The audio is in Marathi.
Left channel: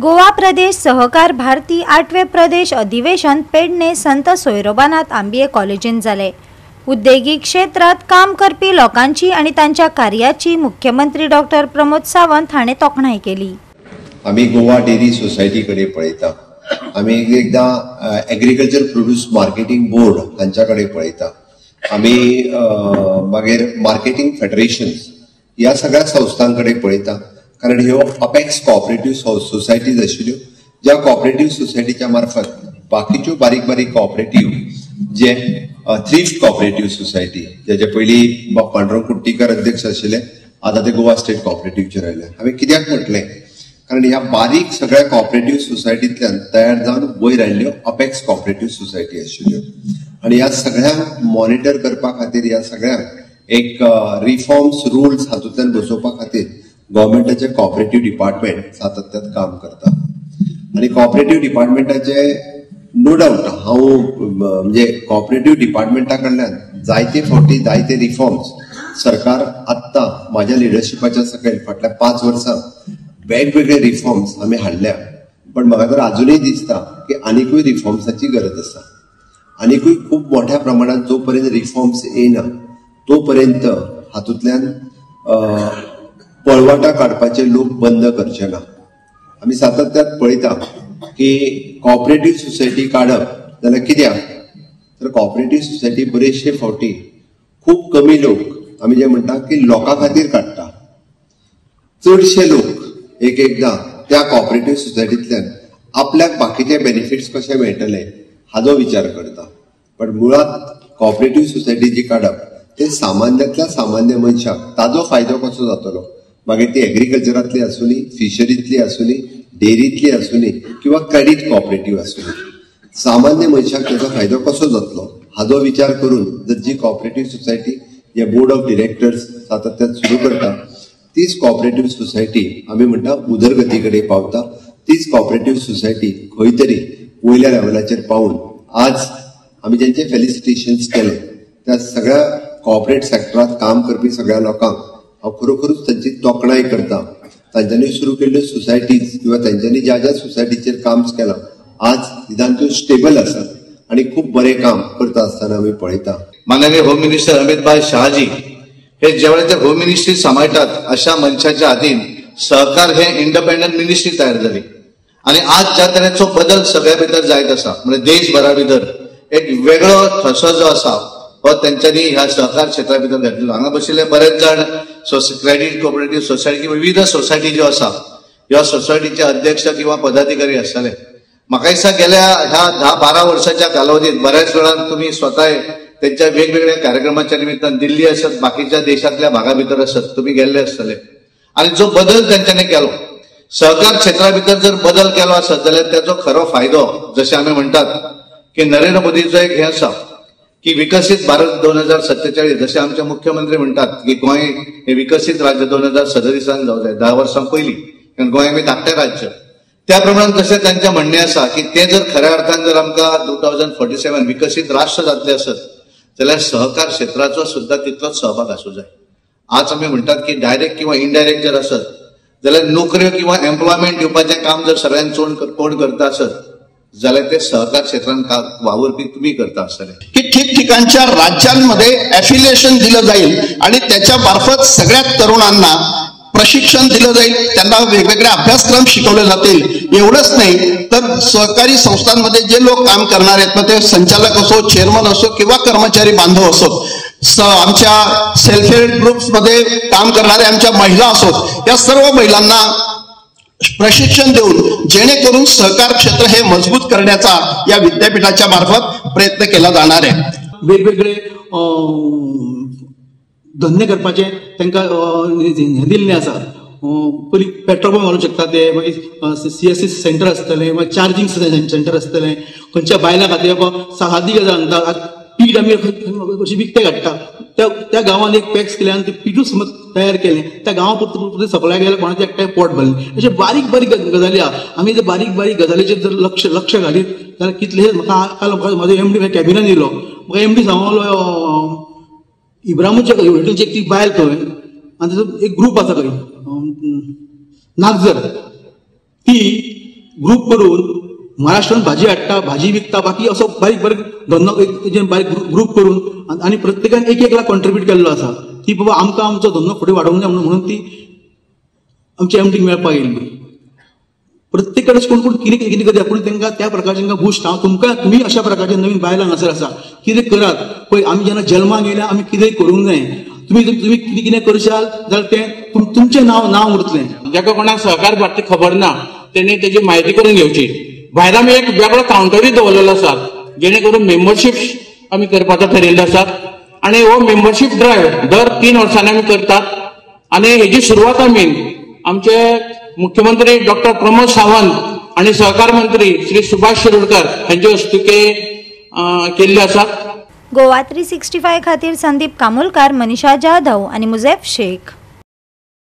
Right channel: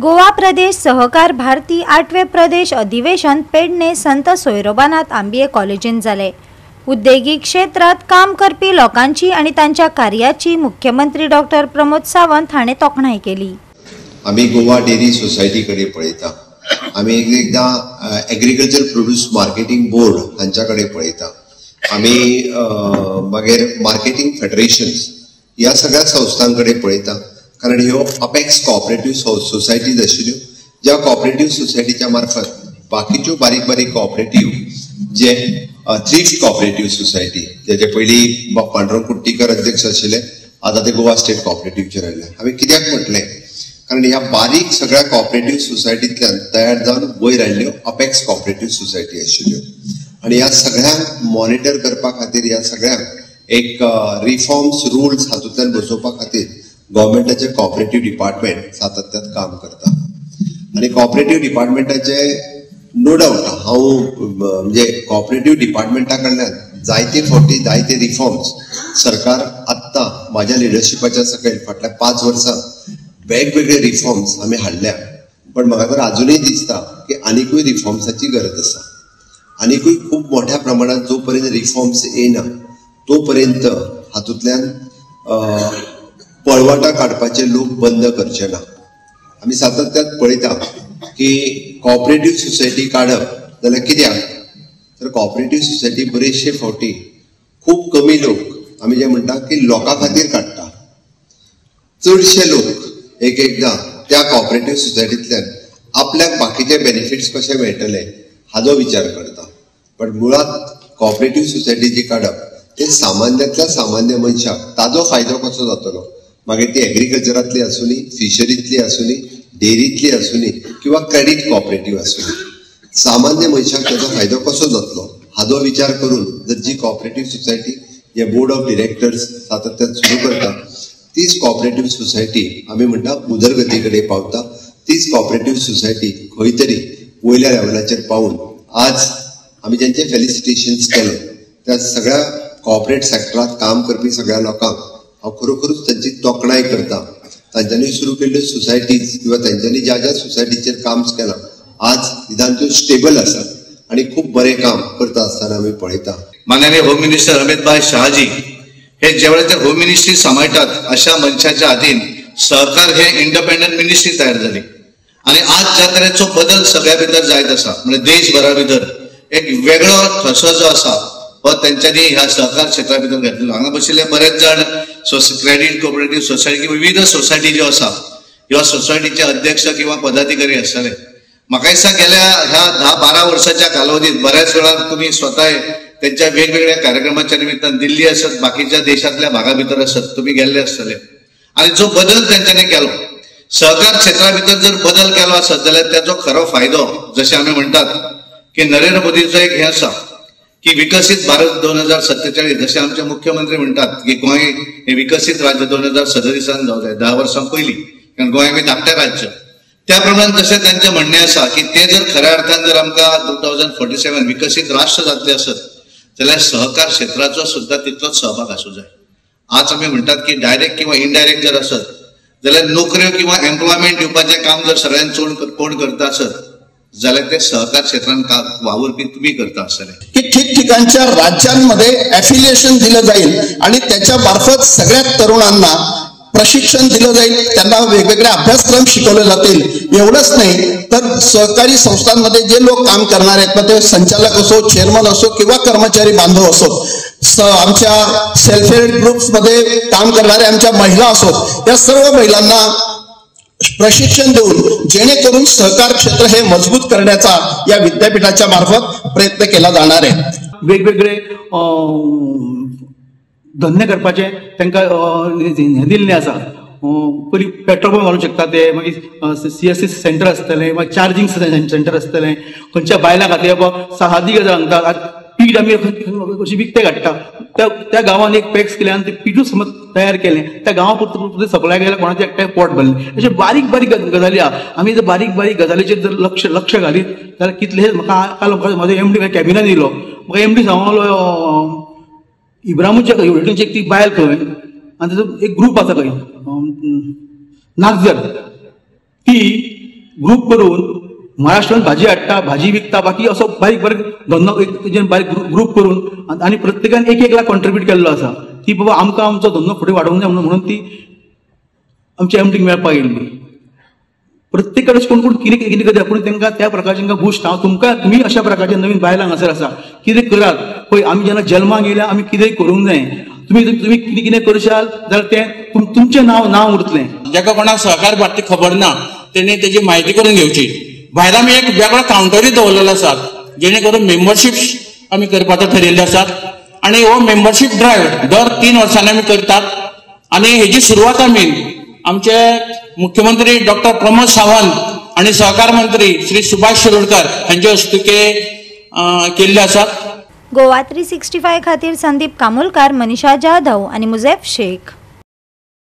गोवा प्रदेश सहकार भारती 8वें प्रदेश अधिवेशन पेडणे संत सोयरोबानाथ आंबिये कॉलेजीन जाले। उद्देगीक क्षेत्रात काम करपी लोकांची आणि त्यांच्या कार्याची मुख्यमंत्री डॉक्टर प्रमोद सावंत हाणें तोखणाय केली। आम्ही गोवा डेअरी सोसायटी कडे पळयता, आम्ही एकदा एग्रीकल्चर प्रोड्यूस मार्केटिंग बोर्ड हांच्याकडे पळयता, आम्ही मागीर मार्केटिंग फेडरेशन्स या सगळ्या संस्थांकडे पळयता। कारण ह्यो अपेक्स कोऑपरेटिव्ह सोसायटीज आशिल्ल्यो, ज्या कोऑपरेटिव्ह सोसायटीच्या मार्फत बाकीच्यो बारीक बारीक कोऑपरेटिव्ह जे थ्रिफ्ट कोऑपरेटिव्ह सोसायटी, जेचे पयलीं पांडुरंग कुट्टीकर अध्यक्ष आशिल्ले, आता ते गोवा स्टेट कोऑपरेटिव्हचे राहिले। हांवें कित्याक म्हटलें, कारण ह्या बारीक सगळ्या कोऑपरेटिव्ह सोसायटींतल्यान तयार जावन वयर आयिल्ल्यो अपेक्स कोऑपरेटिव्ह सोसायटी आशिल्ल्यो, आणि ह्या सगळ्यांक मॉनिटर करपा खातीर, ह्या सगळ्यांक एक रिफॉर्म्स रूल्स हातूंतल्यान बसोवपा खातीर गव्हर्मेंटाचे कोऑपरेटिव्ह डिपार्टमेंट सातत्यान काम करता। आणि कोऑपरेटिव्ह डिपार्टमेंटाचे नो डाउट हांव म्हणजे कोऑपरेटिव्ह डिपार्टमेंटा कडल्यान जायते फावटी जायते रिफॉर्म्स सरकार आत्ता माझ्या लिडरशिपाच्या सकयल फाटल्या 5 वर्सां वेगवेगळे रिफॉर्म्स आम्ही हाडल्या, पण म्हाका तर अजूनही दिसता की आनीकूय रिफॉर्म्साची गरज आसा। आनीकूय खूप मोठ्या प्रमाणात जो पर्यंत रिफॉर्म्स येना तो पर्यंत हातूंतल्यान पळवाटा काडपाचे लोक बंद करचे ना। आम्ही सातत्यान पळयता की कोऑपरेटिव्ह सोसायटी काडप जाल्यार कित्याक तर कोऑपरेटिव्ह सोसायटी बरेचशे फावटी खूप कमी लोक आम्ही जे म्हणटा की लोकां खातीर काडटा, चडशे लोक एकदा त्या कोऑपरेटिव्ह सोसायटींतल्यान आपल्याक बाकीचे बेनिफिट्स कशे मेळटले हाचो विचार करता। पण मुळात कोऑपरेटिव्ह सोसायटी जी काडप ते सामान्यांतल्या सामान्य मनशाक ताजो फायदो कसो जातलो, मागीर ती एग्रीकल्चरांतली आसूनी, फिशरींतली आसूनी, डेअरींतली आसूनी किंवा क्रेडीट कोऑपरेटिव्ह आसूनी, सामान्य मनशाक त्याचो फायदो कसो जातलो हाचो विचार करून जर जी कोऑपरेटिव्ह सोसायटी जे बोर्ड ऑफ डिरेक्टर्स सातत्यान सुरू करता, तीच कोऑपरेटिव्ह सोसायटी आम्ही म्हणटा उदरगती कडेन पावता। तीच कोऑपरेटिव्ह सोसायटी खंय तरी वयल्या लेवलाचेर पावून आज आम्ही ज्यांचे फेलिसिटेशन्स केले त्या सगळ्या कोऑपरेट सेक्टरात काम करपी सगळ्या लोकांक हांव खरोखरूच तांची तोखणाय करता। तांच्यांनी सुरू केल्ल्यो सोसायटीज किंवा तांच्यांनी ज्या ज्या सोसायटीचेर काम केलां आज निदान त्यो स्टेबल आसात आणि खूप बरें काम करता आसतना आमी पळयता। माननीय होम मिनिस्टर अमित भाई शहाजी हे जेवढे ते होम मिनिस्ट्री सांभाळतात अशा मनशाच्या हातीन सहकार हे इंडिपेंडंट मिनिस्ट्री तयार झाली, आणि आज ज्या तरेचो बदल सगळ्या भितर जायत आसा म्हणजे देशभरा भितर एक वेगळो ठसो जो आसा हो त्यांच्यानी ह्या सहकार क्षेत्रा भितर घातलेलो। हांगा बशिल्ले बरेच जण क्रेडीट कोऑपरेटिव्ह सोसायटी किंवा विविध सोसायटी ज्यो आसा ह्या सोसायटीचे अध्यक्ष किंवा पदाधिकारी आसतले। म्हाका दिसता गेल्या ह्या 10-12 वर्षाच्या कालावधीत बऱ्याच वेळा तुम्ही स्वतः त्यांच्या वेगवेगळ्या कार्यक्रमाच्या निमित्तान दिल्ली असत, बाकीच्या देशातल्या भागा भितर असत, तुम्ही गेल्ले आसतले, आणि जो बदल त्यांच्यानी केलो सहकार क्षेत्रा भितर जर बदल केलो आसत जाल्यार त्याचो खरो फायदो जसे आम्ही म्हणतात की नरेंद्र मोदीचं एक हे आसा की विकसित भारत 2047 जसे आमचे मुख्यमंत्री म्हणतात की गोंय हे विकसित राज्य 2037 जावं जाय, 10 वर्सां पयलीं, कारण गोंय आमी धाकटें राज्य। त्या प्रमाणे जसे त्यांचे म्हणणे आसा की ते जर खऱ्या अर्थान जर आमकां 2047 विकसित राष्ट्र जातले आसत जाल्यार सहकार क्षेत्राचो सुद्धा तितलोच सहभाग आसूं जाय। आज आमी म्हणतात की डायरेक्ट किंवा इनडायरेक्ट जर आसत जाल्यार नोकऱ्यो किंवा एम्प्लॉयमेंट दिवपाचें काम जर सगळ्यांत कोण करता आसत जाल्यार ते सहकार क्षेत्रात वावरपी तुम्ही करता आसतले। की ठिकठिकाणच्या राज्यांमध्ये ॲफिलिएशन दिलं जाईल आणि त्याच्या मार्फत सगळ्या तरुणांना प्रशिक्षण दिलं जाईल, त्यांना वेगवेगळे अभ्यासक्रम शिकवले जातील। एवढंच नाही तर सहकारी संस्थांमध्ये जे लोक काम करणार आहेत, मग ते संचालक असो, चेअरमन असो किंवा कर्मचारी बांधव असोत, आमच्या सेल्फ हेल्प ग्रुप्स मध्ये काम करणाऱ्या आमच्या महिला असोत, या सर्व महिलांना प्रशिक्षण देऊन जेणेकरून सहकार क्षेत्र हे मजबूत करण्याचा या विद्यापीठाच्या मार्फत प्रयत्न केला जाणार आहे। वेगवेगळे धंदे करपाचे तांकां दिल्लें आसा। पयलीं पेट्रोल पंप घालूंक शकता ते, मागीर CSC सेंटर आसतलें, मागीर चार्जिंग सेंटर आसतलें, खंयच्या बायलां खातीर सादी गजाल सांगता पीठ आमी अशी विकते काडटा, त्या गांवांत एक पॅक्स केले आनी ते पीठूच समज तयार केलें, त्या गांवा पुरतें सप्लाय केलें, कोणाचें एकट्याक पोट भरलें। अशे बारीक बारीक गजाली आहा। आमी जर बारीक बारीक गजालीचेर जर लक्ष घालीत जाल्यार कितले म्हाका म्हाजो MD कॅबिनान येयलो, म्हाका MD सांगलो इब्राहिमूच्या युनिटीची एक ती बायल खंय आनी ताजो एक ग्रूप आसा खंय नागजर, ती ग्रुप करून महाराष्ट्रात भाजी हाडटा, भाजी विकता, बाकी असो बारीक बारीक धंदो बारीक ग्रुप करून आणि प्रत्येकान एक लाख कॉन्ट्रीब्यूट केल्लो आसा की बाबा आमकां आमचो धंदो फुडें वाडोवंक जाय म्हणून ती आमची एमटीक मेळपाक येयल्ली. प्रत्येक कडेन कोण कोण कितें कितें करता पूण तांकां त्या प्रकारचे तांकां बूस्ट हांव तुमकां तुमी अशा प्रकारचे नवीन बायलां हांगासर आसा कितें करात पळय. आमी जेन्ना जल्माक येयल्या आमी कितेंय करूंक जाय. तुम्ही कितें कितें करशाल जाल्यार तें तुमचें नांव उरतलें. जाका कोणाक सहकार भारती खबर ना तेणी तेजी म्हायती करून घेवची. भायर आमी एक वेगळो कावंटरूय दवरलेलो आसा जेणे करून मेंबरशीप आमी करपाचो थारिल्लो आसा आनी हो मेंबरशीप ड्रायव्ह दर 3 वर्सांनी आमी करतात. आनी हेजी सुरवात आमी आमचे मुख्यमंत्री डॉक्टर प्रमोद सावंत आणि सहकार मंत्री श्री सुभाष शिरोडकर हांचे हस्तुके केल्ले आसात. गोवा 365 खातीर संदीप कामोलकार, मनीषा जाधव आणि मुझेफ शेख.